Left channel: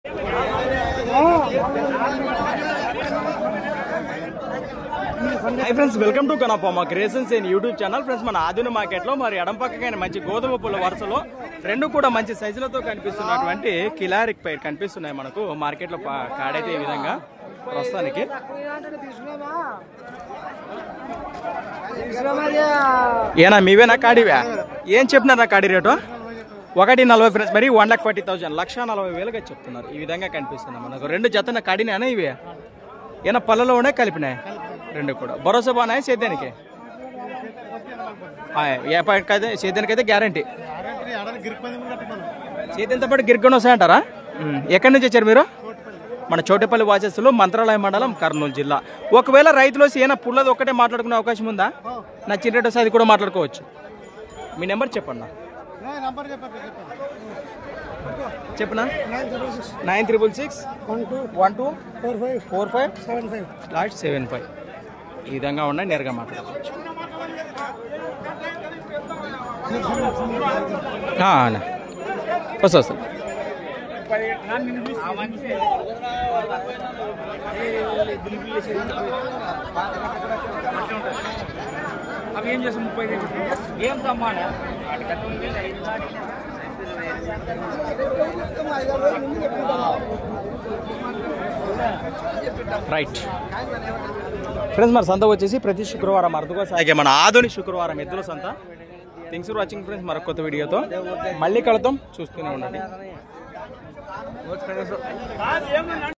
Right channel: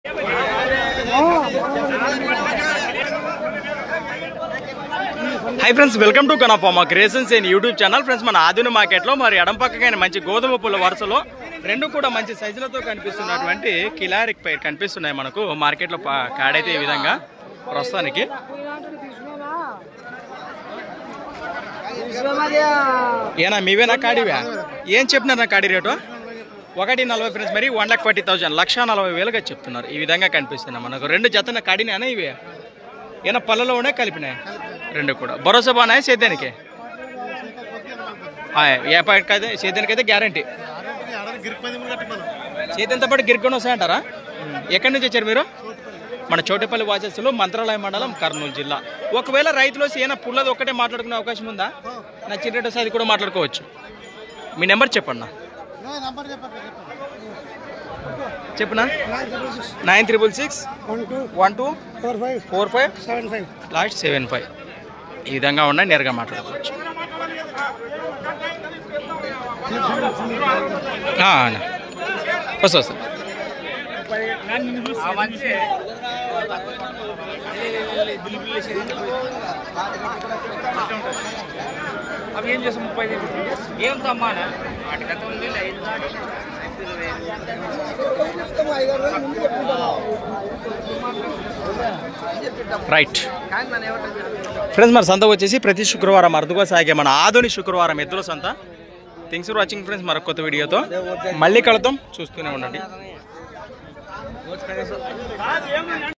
high friends welcome to कनाफार्मा creations in YouTube channel friends मन आधुनिक मार्केट लो मरी एडम पक्कगाने मंची गोधुम पुल्ल वरुसलो రెండు కూడా మంచి సైజులతో కనిపిస్తున్నటువంటి కిలారిక్ పైర్ కనిపిస్తున్నాయి మనకు మార్కెట్ లో కాడైతే ఈ విధంగా ప్రస్తుతానికి ఏనా మీవేనా కాడివా ఏం చెప్తున్నారు నా కాడి రేటు 140 ఫ్రెండ్స్ మరి 1,40,000 1,40,000గా చెప్తున్నారు ఈ విధంగా కనిపిస్తున్నాయి మనకు రెండు జతన కాడినేనా ఇవి ఏనా పళ్ళలోనే కలిపినాయి రెండు కూడా భరోసా బానాయి సేద్యానికి సేద్యానికైతే గ్యారంటీ చేతితో పాటు గిరికొని వస్తాయంటారా ఎక్కడి నుంచి వచ్చారు మీరు మన చోటపల్లి వాచెస్లో మంత్రాలయ మండలం కర్నూలు జిల్లా ఒకవేళ రైతులు ఏమైనా పుల్లది ఒక్కటే మాట్లాడుకునే అవకాశం ఉందా నచ్చిన రేటు అది కూడా మాట్లాడుకోవచ్చు మీ నెంబర్ చెప్పండి చెప్పనా 93661245 లాస్ట్ 75 ఈ విధంగా ఉన్నాయి నేరుగా మాట్లాడుకోవచ్చు వస్తా రైట్ ఫ్రెండ్స్ మరి సంత వచ్చేసి ప్రతి శుక్రవారం అరుదుగా సాగే మన ఆధునిక శుక్రవారం ఎద్దుల సంత థ్యాంక్స్ ఫర్ వాచింగ్ ఫ్రెండ్స్ మరొక కొత్త వీడియోతో మళ్ళీ కలుద్దాం చూస్తూనే ఉండండి